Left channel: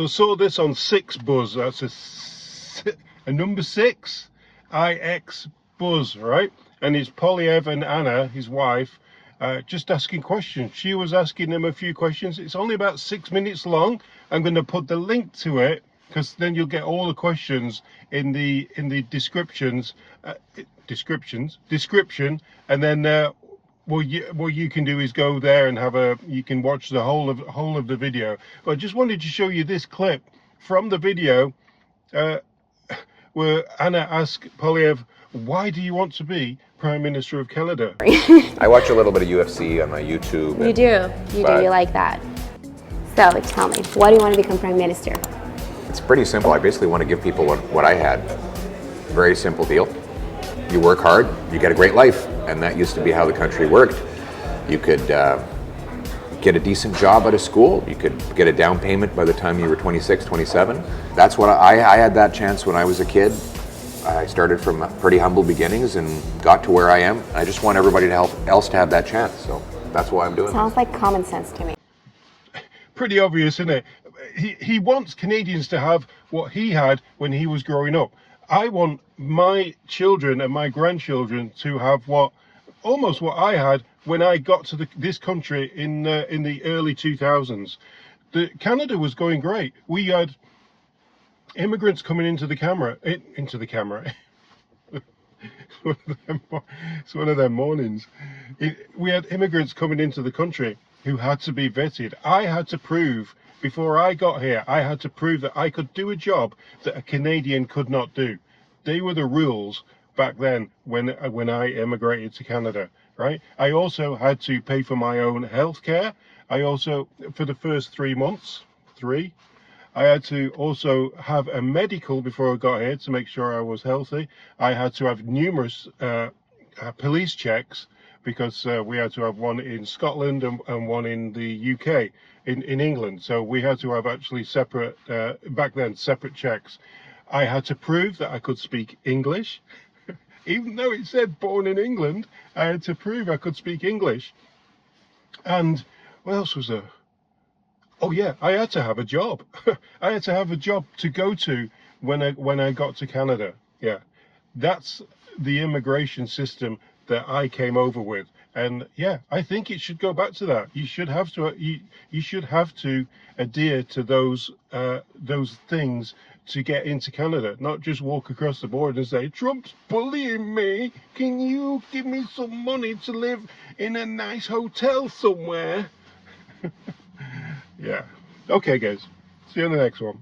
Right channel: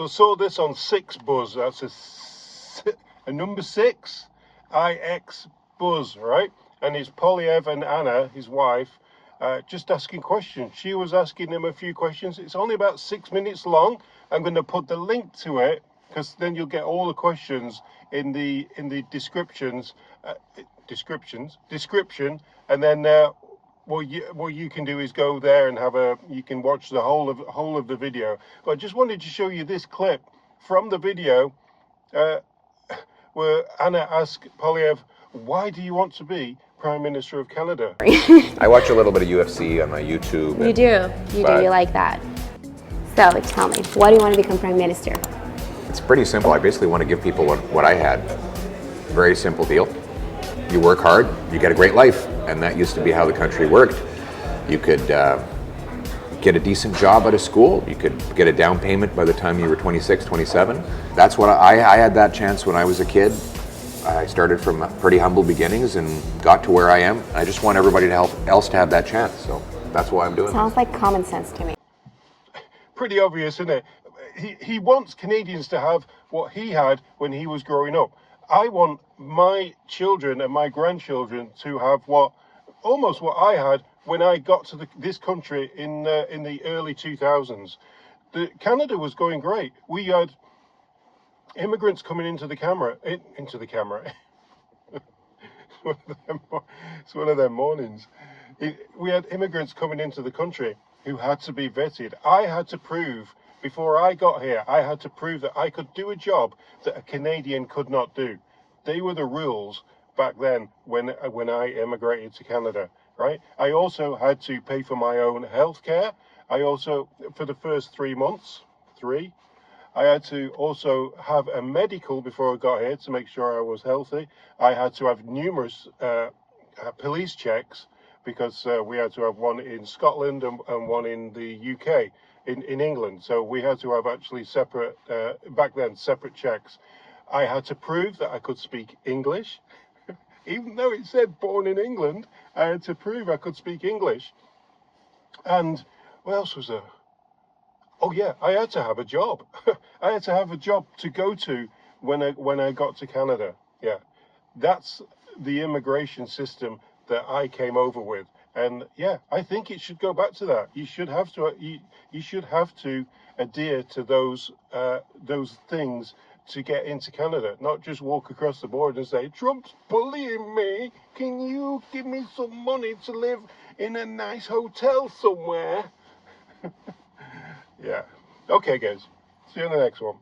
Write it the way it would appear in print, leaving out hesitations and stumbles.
So saw this on 6 Buzz. That's a number 6, IX Buzz, right? And it's Poilievre and Anna, his wife, just asking questions. She was asking them a few questions. It's only about 6 minutes long. I'm going to put the link to it because then you'll get all the questions in the description, and then what you can do is go there and you can watch the whole of the video. But I just wanted to show you this clip from the video where Anna asked Poilievre, "Why do you want to be Prime Minister of Canada?" I watch a little bit of UFC on my YouTube. You do, you like that. So tell me, why do you want to become Prime Minister? It's pretty simple. I basically want to give people what I had. Very simple deal. You work hard, you get a great life. And that used to be how the country worked. You could get a decent job out of school. You could get a down payment by the time you were 26, 27. That's what I had that chance when I was a kid. I started from pretty humble beginnings and got to where I am. I just want everybody else to have that chance. So that's why I'm doing it. Sounds like common sense to me. Pretty obvious, isn't it? He wants Canadians to have what he had when he was growing up. I want my children and my grandchildren to have almost what I had when I got to this country in the early 2000s. Canada was going great. We had immigrants coming into the camera. It's one of them mornings. We had immigrants coming into the country who had to be vetted. I had to prove, before I got here, I had to prove that I could do a job that a Canadian could not do. They were the rules back then when I immigrated to Canada, right? I also had to pay for my own health care. I also, for the first 3 months, I had to also have a medical before I got here to make sure I was healthy. I had to have numerous police checks because we had to have one in Scotland and one in the UK, in England. So we had to have actually separate, back then, separate checks. I had to prove that I could speak English. Even though it said born in England, I had to prove I could speak English. And what else was there? Oh yeah, I had to have a job. I had to have a job to go to when I got to Canada. Yeah, that's the immigration system that I came over with. And yeah, I think it should go back to that. You should have to adhere to those things to get into Canada, not just walk across the border and say, "Trump's bullying me. Can you give me some money to live in a nice hotel somewhere?" Yeah. Okay, guys. See you on the next one.